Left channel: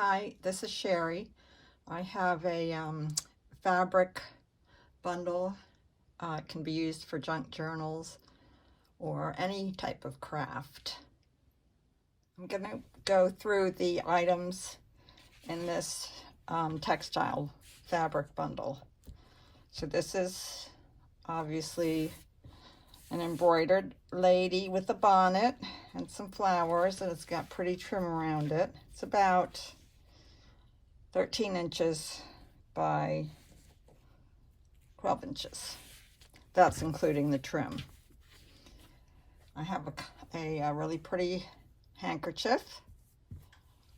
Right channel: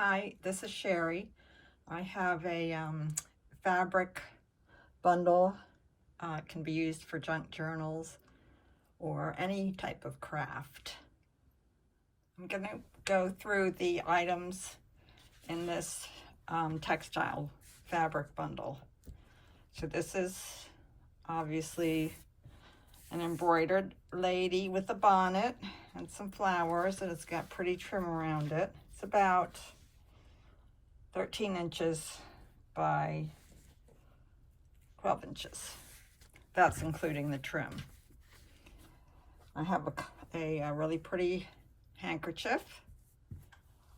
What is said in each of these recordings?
Hi, this is Sherry. I have a fabric bundle. It can be used for junk journals or any type of craft. I'm going to go through the items in this textile fabric bundle. So this is obviously an embroidered lady with a bonnet and some flowers, and it's got pretty trim around it. It's about 13 inches by 12 inches. That's including the trim. I have a really pretty handkerchief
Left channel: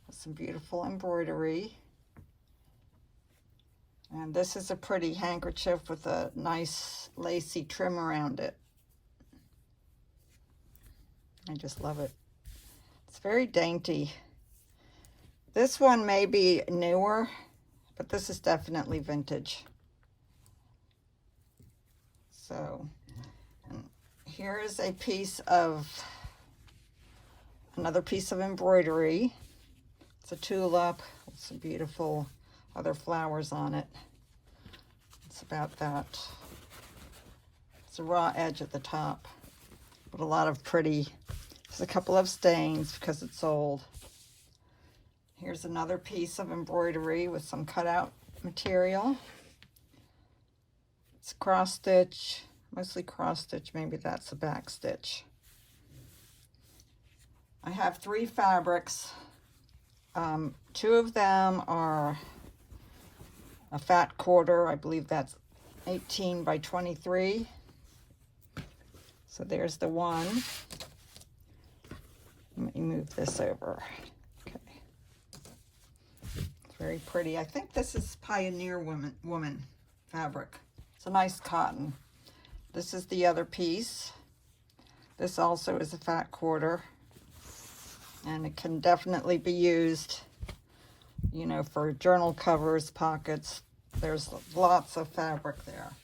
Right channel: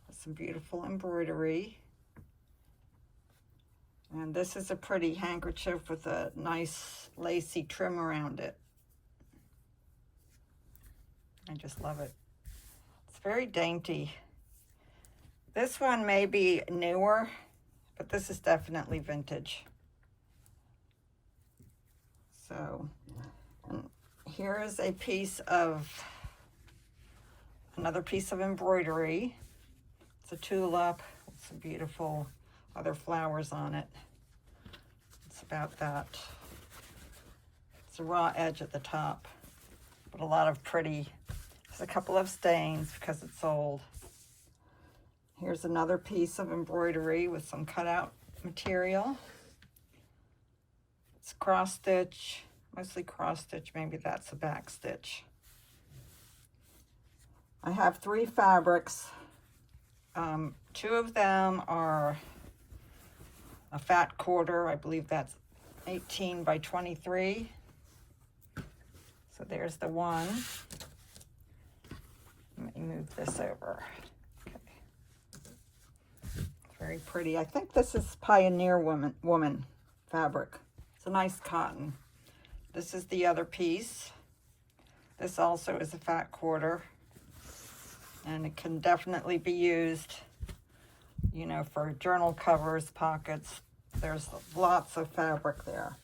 with some beautiful embroidery. And this is a pretty handkerchief with a nice lacy trim around it. I just love it. It's very dainty. This one may be newer, but this is definitely vintage. So, and here is a piece of, another piece of embroidery. It's a tulip with some beautiful other flowers on it. It's about that. It's a raw edge at the top, but a lot of pretty, there's a couple of stains because it's old. Here's another piece of embroidery with some cutout material. It's cross stitch, mostly cross stitch, maybe that's a back stitch. I have 3 fabrics. 2 of them are a fat quarter. I believe that's 18 by 23. So there's the one. Let me move this over. Okay. It's very pretty. I think this is Pioneer woman fabric. It's a nice cotton. This is the other piece. This also is a fat quarter. And it can definitely be used, you know, for journal covers, pockets. There's lots of fabric there.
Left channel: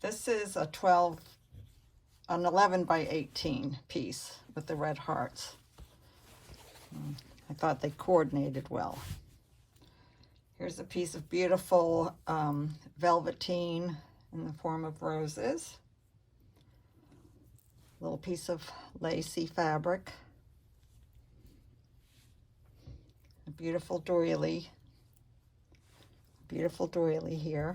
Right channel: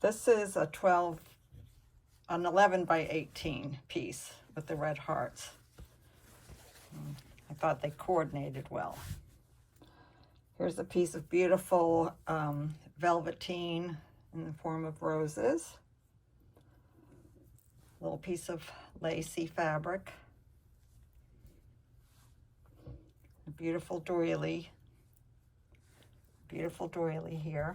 This is an 11 by 18 piece with the red hearts. I thought they coordinated well. Here's a piece of beautiful velveteen in the form of roses. A little piece of lacy fabric. A beautiful doily. Beautiful doily here.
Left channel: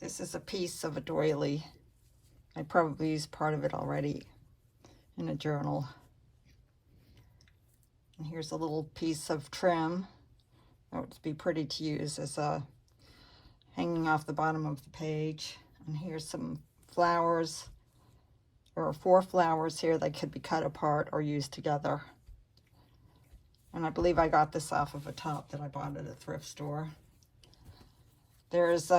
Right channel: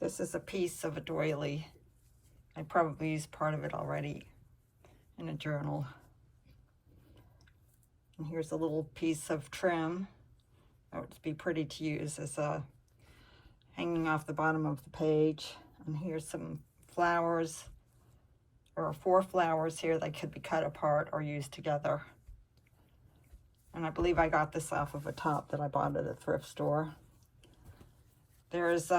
This is a piece of a doily. I probably used part of it already in a journal. And here's a little piece of trim. That would be pretty to use as a hanging off the bottom of the page. And here's some flowers, or 4 flowers here that could be cut apart or used together. And I believe I got this off of a top that I bought at a thrift store. There's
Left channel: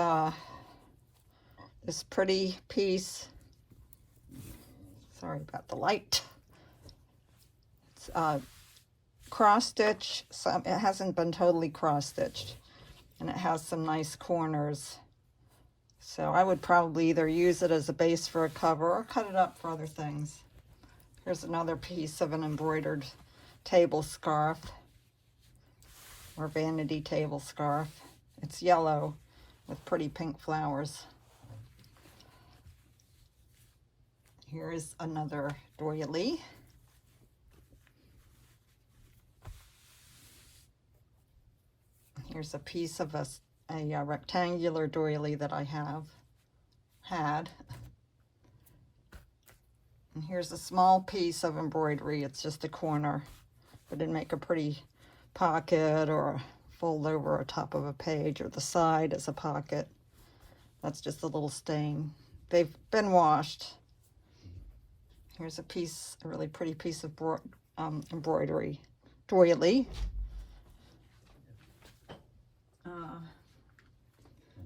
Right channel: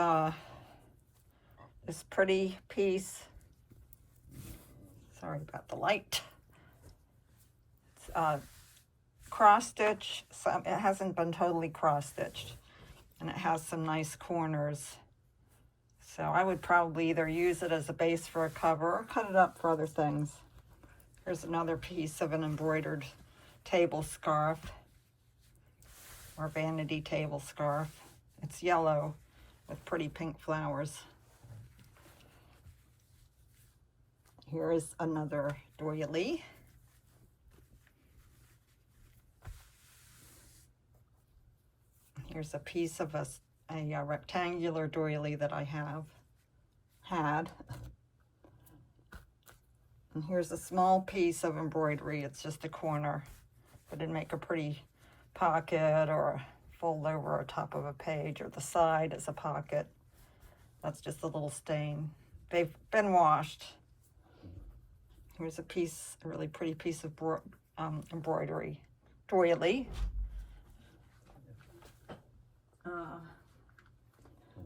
this pretty piece. Sorry about the light. It's cross stitch. It hasn't been totally cross stitched, and it has some nice corners. So I would probably either use it as a base for a cover or cut it up for other things. Here's another piece of an embroidered table scarf or vanity table scarf. It's yellow with pretty pink flowers. Here is another doily. Here's a piece of a rectangular doily that I had. And here's a small piece of embroidery. It's just a corner. I didn't make a pretty pocket or fold over a top of a page, or the side as a pocket. That's just a little stain. They've been washed. Here's a piece, a really pretty piece of embroidery doily.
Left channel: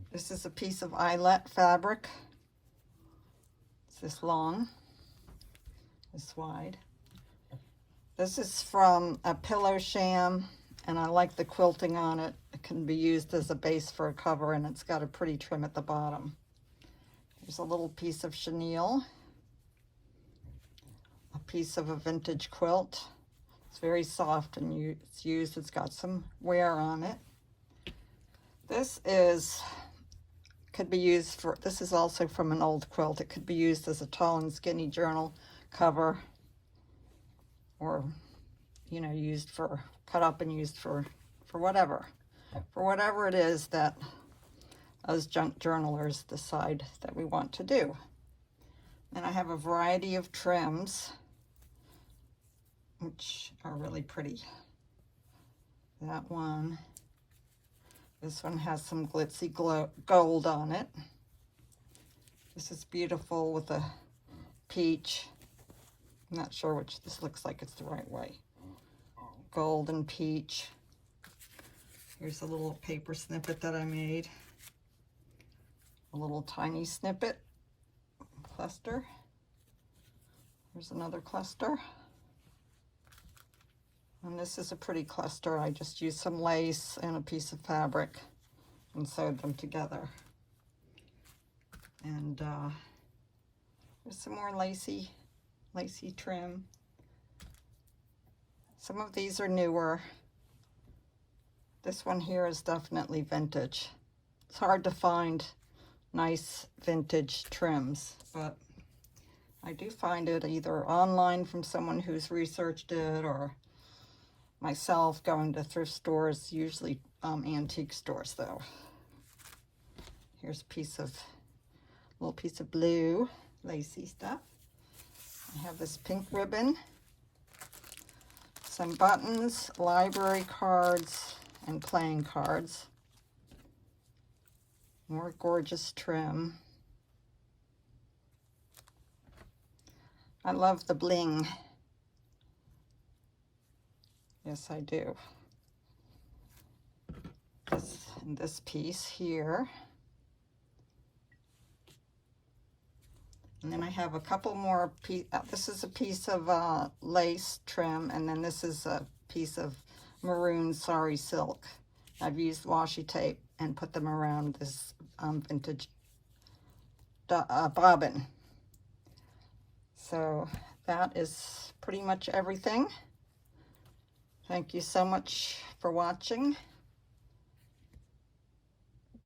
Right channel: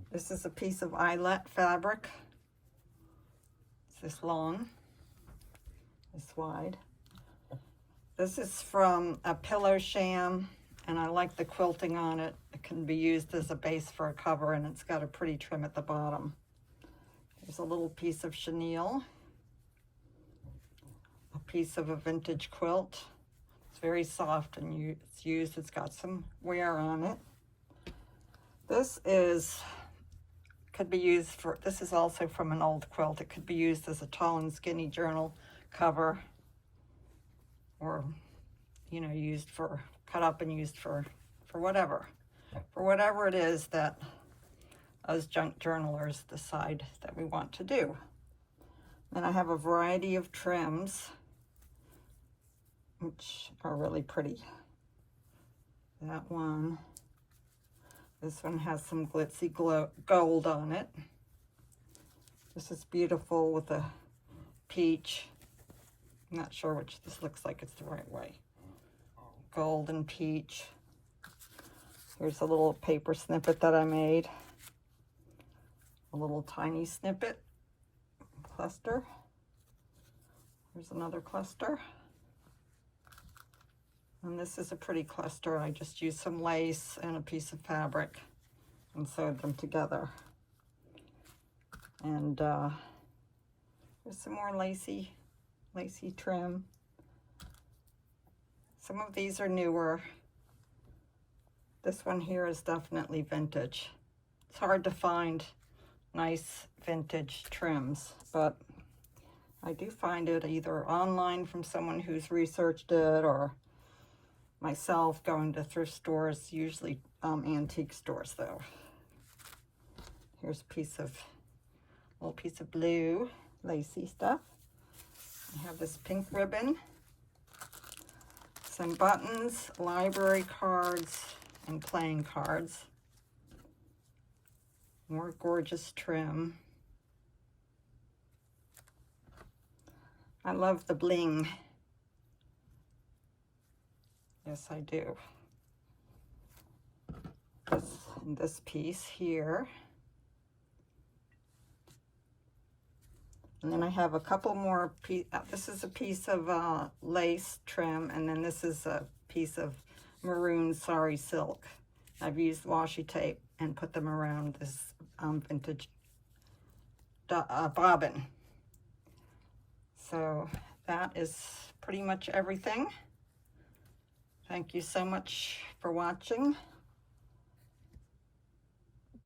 This is a piece of eyelet fabric. It's this long, this wide. This is from a pillow sham, and I like the quilting on it. It can be used as a base for a cover, and it's got a pretty trim at the bottom. There's a little piece of chenille, a piece of a vintage quilt. It's very soft and it's used. It's got some wear on it. This could be used for, this is also from an old quilt. It could be used as a tall and skinny journal cover, or, you know, used for, cut up and used for whatever. For whatever it is that us junk journalers decide that we want to do. And I have a variety of trims, which are really pretty. That one. This one has some glitzy gold on it. This is beautiful with a peach. I'm not sure which this looks like it's the right way. Gold and peach. Here's a little paper snippet that I made. A little tiny snippet. Cluster. Here's another cluster. And this is a pretty cluster. I just used some lace and a piece of fabric and sewed them together. And there's some more lacy trim. Some of these are newer. This one here is definitely vintage. It's hard to find nice vintage trims, but I do find it either online from someone who's researched it, or myself going to thrift stores, usually antique stores though. Here's a little piece of blue lacy stuff. I have this pink ribbon, some buttons, library cards, and playing cards. More gorgeous trim. I love the bling. Yes, I do. This piece here. And then I have a couple more this is a piece of lace trim, and then this is a piece of maroon sari silk. I've used washi tape and put them around this vintage bobbin. So that is pretty much everything. Thank you so much for watching.